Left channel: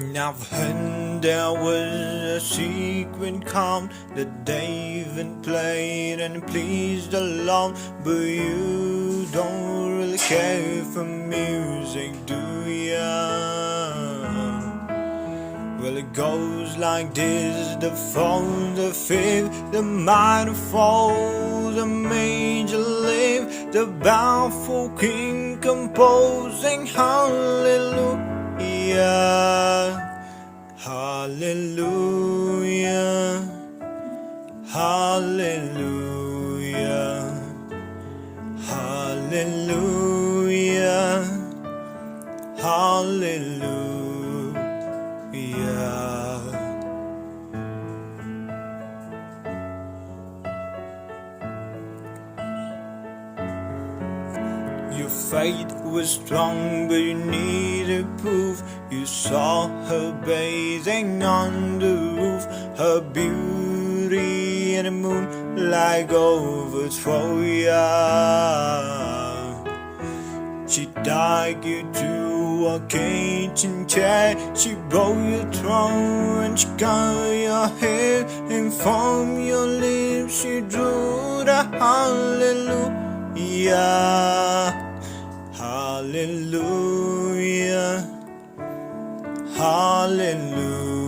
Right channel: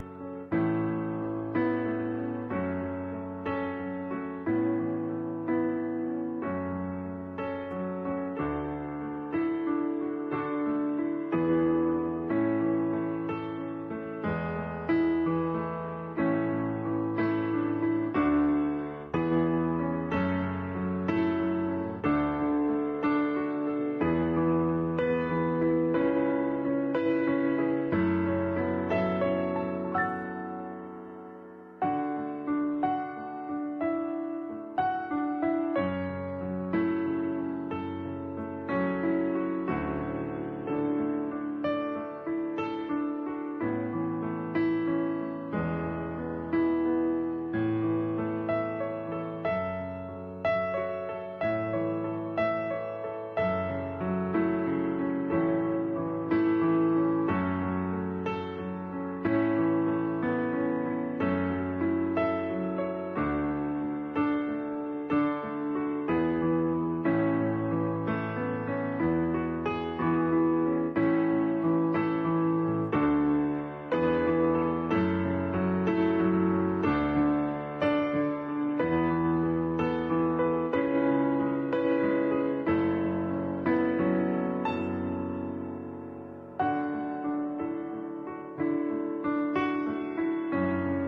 I've heard there was a secret chord that David played and it pleased the Lord, but you don't really care for music, do ya? Well, it goes like this: the fourth, the fifth, the minor fall, the major lift, the baffled king composing hallelujah. Hallelujah, hallelujah, hallelujah, hallelujah. Your faith was strong, but you needed proof. You saw her bathing on the roof, her beauty in the moonlight overthrow ya. She tied you to a kitchen chair, she broke your throne and she cut your hair, and from your lips she drew the hallelujah. Hallelujah, hallelujah.